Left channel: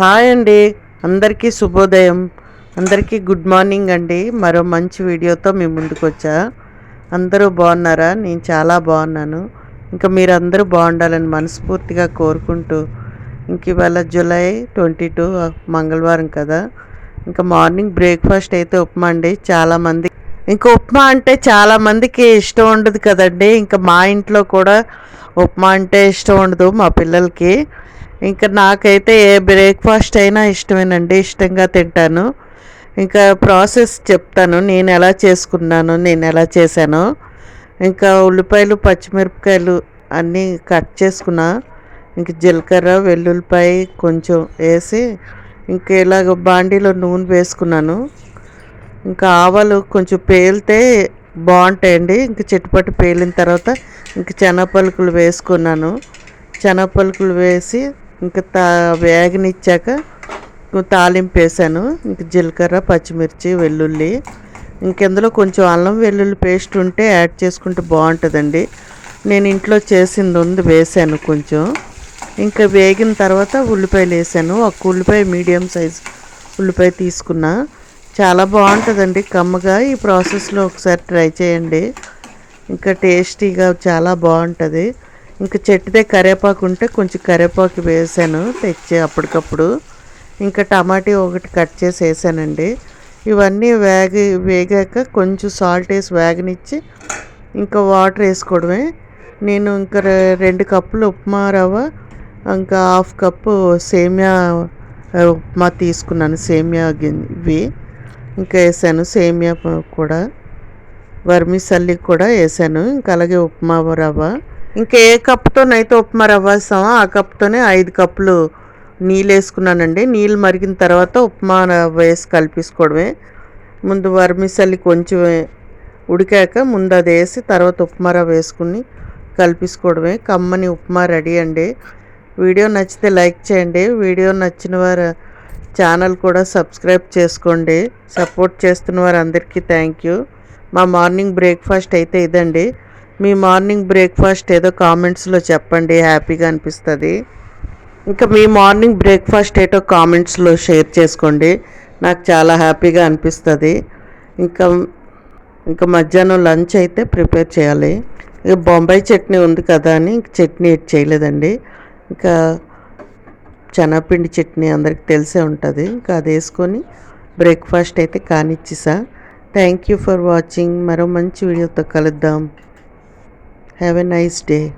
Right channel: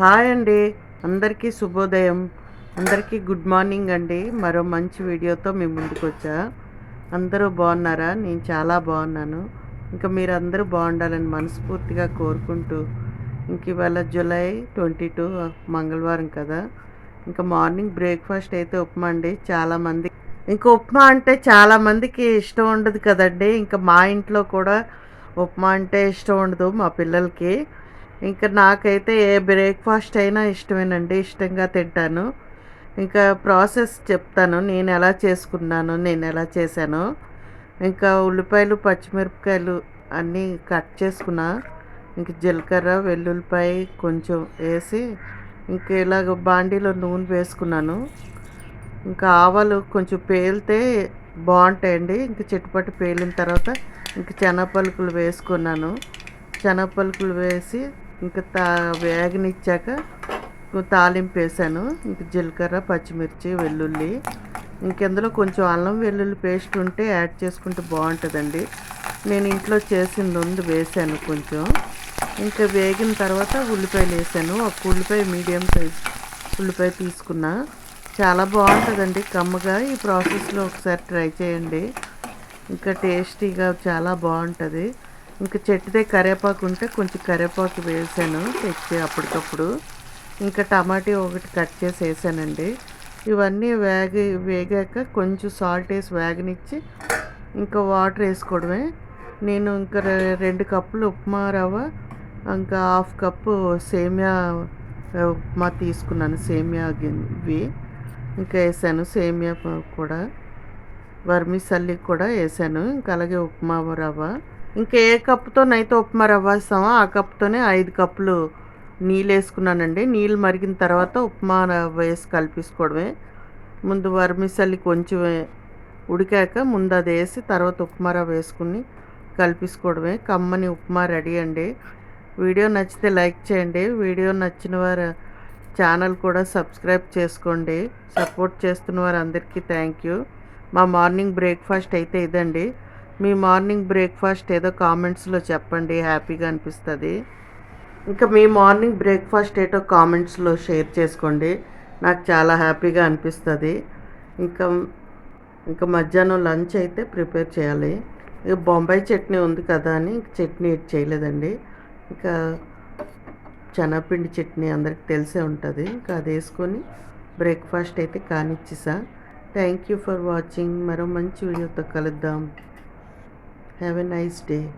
Hi అండి. అందరికీ శుభోదయం. అందరికీ గుడ్ మార్నింగ్ అండి. మరో మంచి వీడియోతో మీ ముందుకు వచ్చా. అందరూ బాగున్నారా? నేను చాలా బాగున్నాను. ఇంకా మీరు అందరూ బాగుండాలని మనస్ఫూర్తిగా కోరుకుంటూ ఇంక ఇవాళ జూలై ట్వంటీ టూ మంగళవారం కదా. ఇంకా మార్నింగ్ బ్రేక్ఫాస్ట్ అయితే ఉప్మా అండి. చాలామంది ఇంకా ఉప్మా అంటే చాలామందికి ఇష్టం ఉండదు కదండి. ఇంకా మా ఇంట్లో కూడా ఉప్మా అంటే ఇష్టం ఉండదు మా పిల్లలకి. ఇంకా నాకైతే ఏ బ్రేక్ఫాస్ట్ అయినా ఇష్టమేనండి ఇష్టంగా తింటాను. ఇంకా ప్రాసెస్ చెప్తాను నేను ఎలా చేసుకున్నాను నేను ఎలా చేశాను. ఇంకా ఉల్లిపాయలు పచ్చిమిరపకాయలు అన్నీ కట్ చేసుకున్నా. ఇంక జీలకర్ర వెల్లుల్లిపాయ కొంచెం వేసి ఇంక ఇలాగ బాండీలో నూనె వేసుకున్నాను. ఇంకా ఆవాలు కొంచెం పేలితే బాగుంటాయండి. ఇంక చిట్టుపట్టు పేలిన తర్వాత ఇంక చెనపలుకులు వేసుకున్నాను. చెనపలుకులు వేసి ఇంకా తా వేగనిచ్చాక తాలింపు వేసాను. ఇంక జీలకర్ర పచ్చిమిర్చి వెల్లుల్లి. ఇంకెందులో కొంచెం అల్లం వెల్లుల్లి పేస్ట్ ఉంటే యాడ్ చేసుకుంటే బాగుంటుందండి. నేను ఇంట్లో చేసింది ఉంది వేసాను కొంచెం. ఇంకా వేగిన తర్వాత ఉల్లిపాయలు వేసాను. ఒక ఉల్లిపాయ మీడియం సైజ్ ఉల్లిపాయ తీసుకున్నా. చాలా బాగుంటుందండి కమ్మగా. ఈ ప్రాసెస్లో ఒకసారి ట్రై చేయండి. ఇంకా టేస్టీగా చాలా బాగుంటుంది. ఇంకా చెట్టుదే కరివేపాకు ఉంటే కొంచెం కరివేపాకు వేసాను తెచ్చి అప్పటికప్పుడు. ఇంకా టమాటీ ఒకటి కట్ చేసి వేసానండి ఇవన్నీ వేగి వేగాక కొంచెం సాల్ట్ వేసి వేగనిచ్చి ఇంకా వాటర్ వేసుకోవడమే. నేను ఇంకా రెండు కప్పులు ఉప్మా రవ్వ ఇంకా హాఫ్ కప్పు సేమియా ఉప్మా తీసుకున్నాను సేమియా ఇవి ఇంకా వేసాను సేమియా కూడా. వర్మిసల్లి కూడా వేసాను ఇంకా అలాగే ఉప్మా రవ్వ. ఇంకా ఏ కప్పుతోనైతే ఉప్మా రవ్వ వేస్తామో? ఆ కప్తోనే ఐదు కప్పులు నీళ్ళు వేసుకున్నానండి. నీళ్ళు మరిగిన తర్వాత ఉప్మా రవ్వ వేసి కలిపేసుకోవడమే. ముందు వర్మిసల్లి కొంచెం ఉడికాక ముందు అది వేసి తర్వాత ఉప్మా రవ్వ వేసుకుని కలిపేసుకోవడమే. కమ్మని ఉప్మా రెడీ అండి. వీడియో నచ్చితే లైక్ చేయండి. వీడియో నచ్చిన వారు ఛానల్ కూడా సబ్స్క్రైబ్ చేసుకోండి. సపోర్ట్ చేస్తున్న వారు అందరికీ థ్యాంక్ యూ. మా మార్నింగ్ బ్రేక్ఫాస్ట్ అయితే ఇదండి. మీ మార్నింగ్ బ్రేక్ఫాస్ట్ ఏదో కామెంట్స్లో చెప్పండి హ్యాపీగా అనిపిస్తుంది. ఇంకా మీ మార్నింగ్ బ్రేక్ఫాస్ట్ ఏటో కామెంట్స్లో షేర్ చేసుకోండి నాకు చాలా హ్యాపీగా అనిపిస్తుంది. ఇంకా ఇంకా మధ్యాహ్నం లంచ్ అయితే ప్రిపేర్ చేయాలి. ఇక బొంబాయి చట్నీ ఉంది కదా అని చట్నీ చట్నీ చేయలేదండి. ఇంకా శనగపిండి చట్నీ అందరికి తెలిసే ఉంటుంది ఇంకా అది వేసుకొని బ్రేక్ఫాస్ట్ అయితే కానిచ్చేసా. థ్యాంక్ యూ ఫర్ వాచింగ్ మరో మంచి వీడియోతో కలుద్దాం. Have a nice day.